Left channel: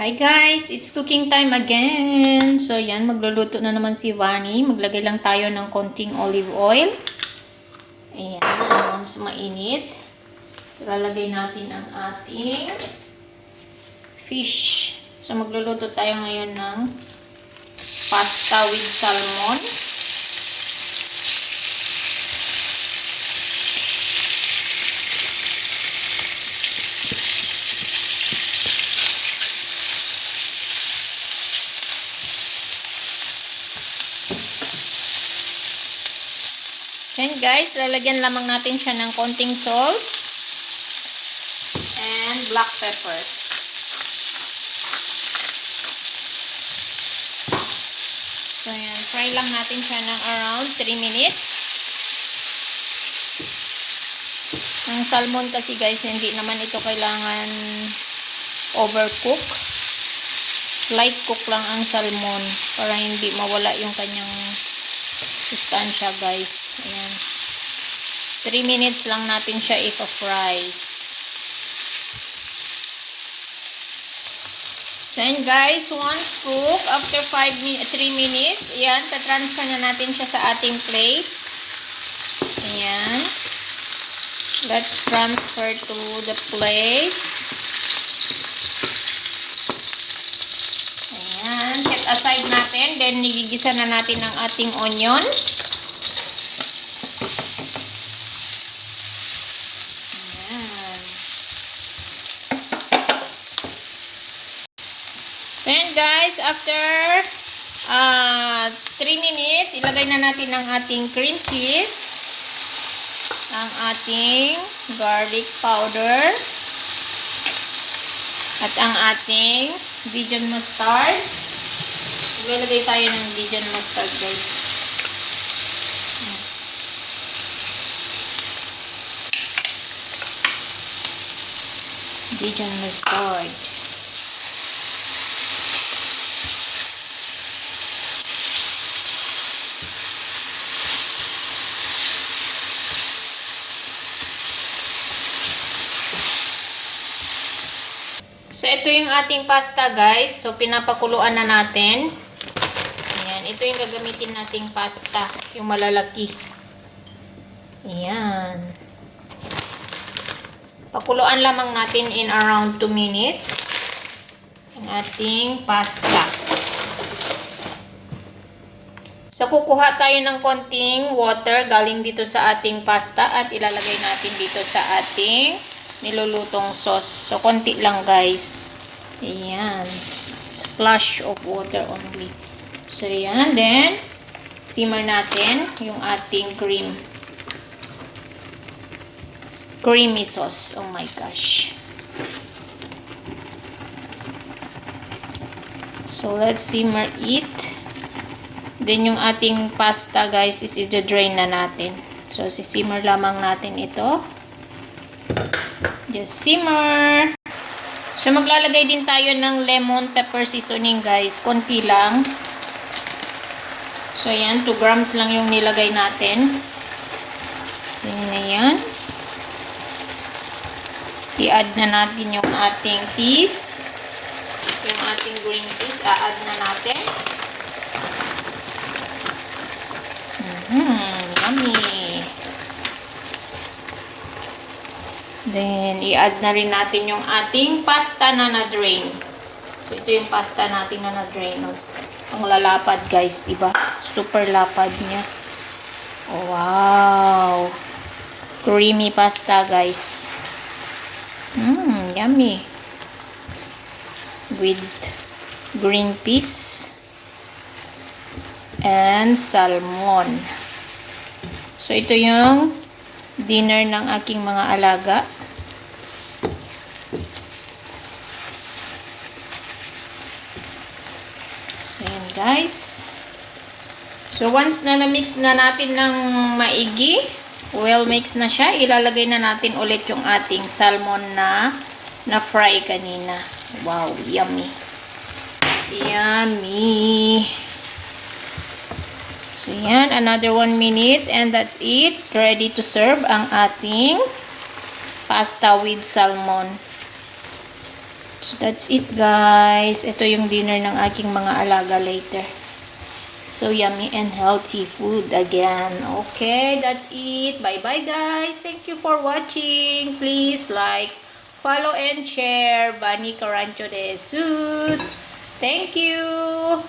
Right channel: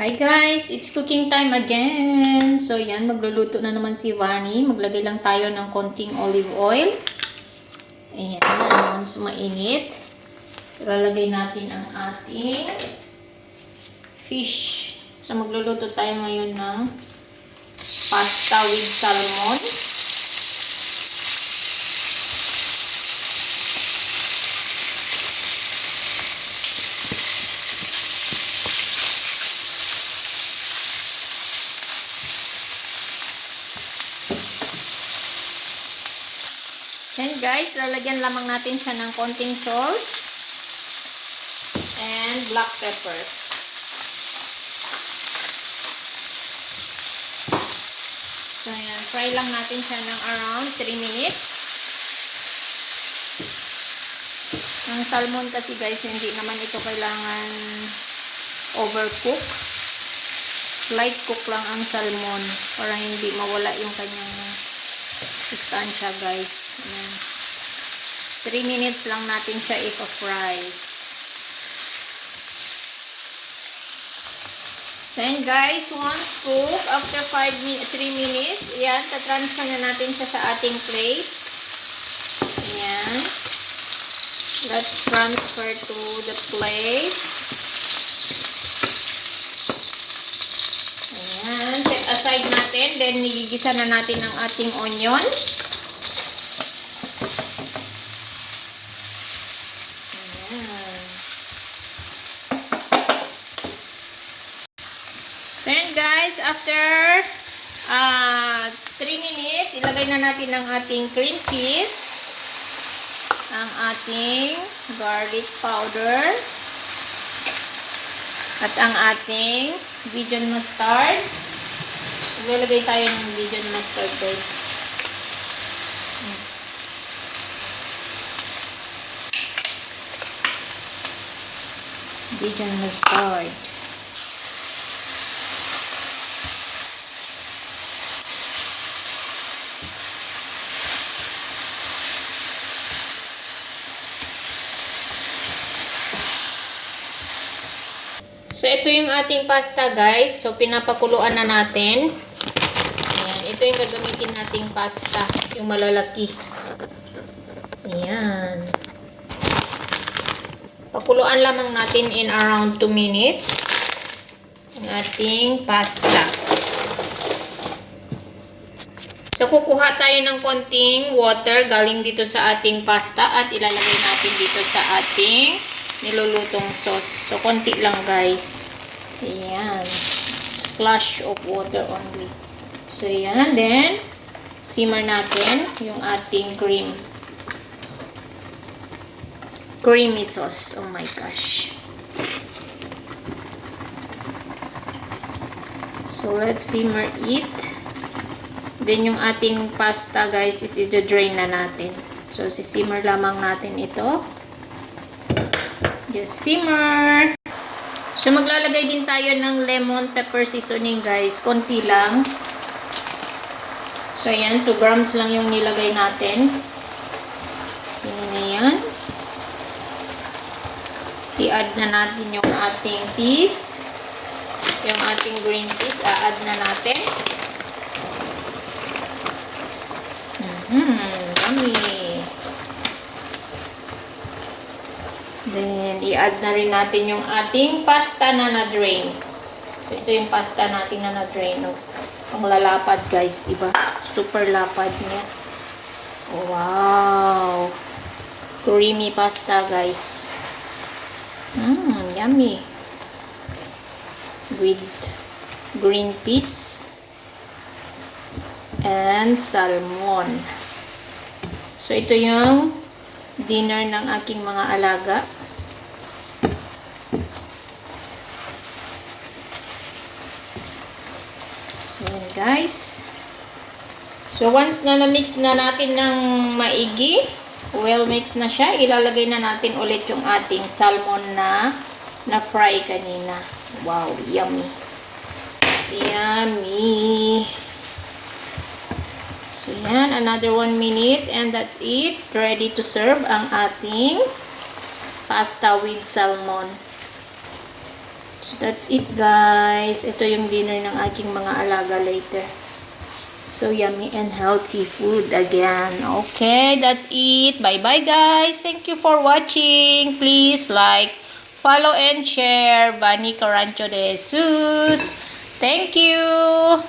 Hi guys, it's cooking time again. So yan, magluluto na naman si Vani. Maglagay lang tayo ng konting olive oil. Ayan, once mainit, ilalagay natin ang ating fish. So magluluto tayo ngayon ng pasta with salmon. Then guys, lalagyan lamang natin siya ng konting salt and black pepper. So yan, fry lang natin siya ng around 3 minutes. Ang salmon kasi guys, hindi naman ito kailangan overcook. Light cook lang ang salmon para hindi mawala yung kanyang sustansya guys. Ayan. 3 minutes lang natin siya i-fry. So yan guys, once cook, after 3 minutes, ayan, tatransfer na natin siya sa ating plate. Ayan. Let's transfer to the plate. Ayan, set aside natin. Then, nigigisa na natin ang ating onion. Ayan guys, after 3 minutes, ilagay na natin ang ating cream cheese, ang ating garlic powder, at ang ating Dijon mustard. Ilalagay tayo ng Dijon mustard guys. Dijon mustard. So, ito yung ating pasta, guys. So, pinapakuluan na natin. Ayan. Ito yung gagamitin nating pasta. Yung malalaki. Ayan. Pakuluan lamang natin in around 2 minutes. Ang ating pasta. So, kukuha tayo ng konting water galing dito sa ating pasta at ilalagay natin dito sa ating nilulutong sauce. So, konti lang guys. Ayan. Splash of water only. So, ayan. Then, simmer natin yung ating creamy sauce. Oh my gosh. So, let's simmer it. Then, yung ating pasta guys is i-drain na natin. So, sisimmer lamang natin ito. Just simmer. So, maglalagay din tayo ng lemon pepper seasoning guys. Konti lang. So, ayan. 2 grams lang yung nilagay natin. Yan na yan. I-add na natin yung ating peas. Yung ating green peas. A-add na natin. Yummy. Then, i-add na rin natin yung ating pasta na na-drain. So, ito yung pasta natin na na-drain. Ang lalapad, guys. Diba? Super lapad niya. Wow! Creamy pasta, guys. Yummy. With green peas and salmon. So, ito yung dinner ng aking mga alaga. So, yan guys. So, once na na-mix na natin ng maigi, well mix na siya, ilalagay na natin ulit yung ating salmon na na-fry kanina. Wow, yummy. Yummy. So, yan. Another 1 minute and that's it. Ready to serve ang ating pasta with salmon. So, that's it, guys. Ito yung dinner ng aking mga alaga later. So, yummy and healthy food again. Okay, that's it. Bye-bye, guys. Thank you for watching. Please like, follow, and share. Vani Carancho de Jesus. Thank you.